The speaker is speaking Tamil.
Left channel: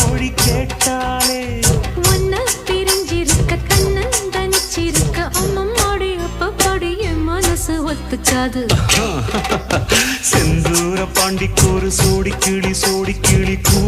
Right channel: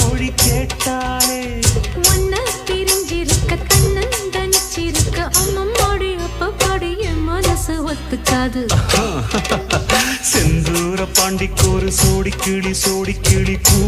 மொழி கேட்டாலே ஒன்ன பிரிஞ்சிருக்க தன்னந்தனிச்சிருக்க அம்மம்மாடி அப்பப்பாடி என் மனசு ஒத்துக்காது. செந்தூர பாண்டிக்கு ஒரு சோடி கிளி கூ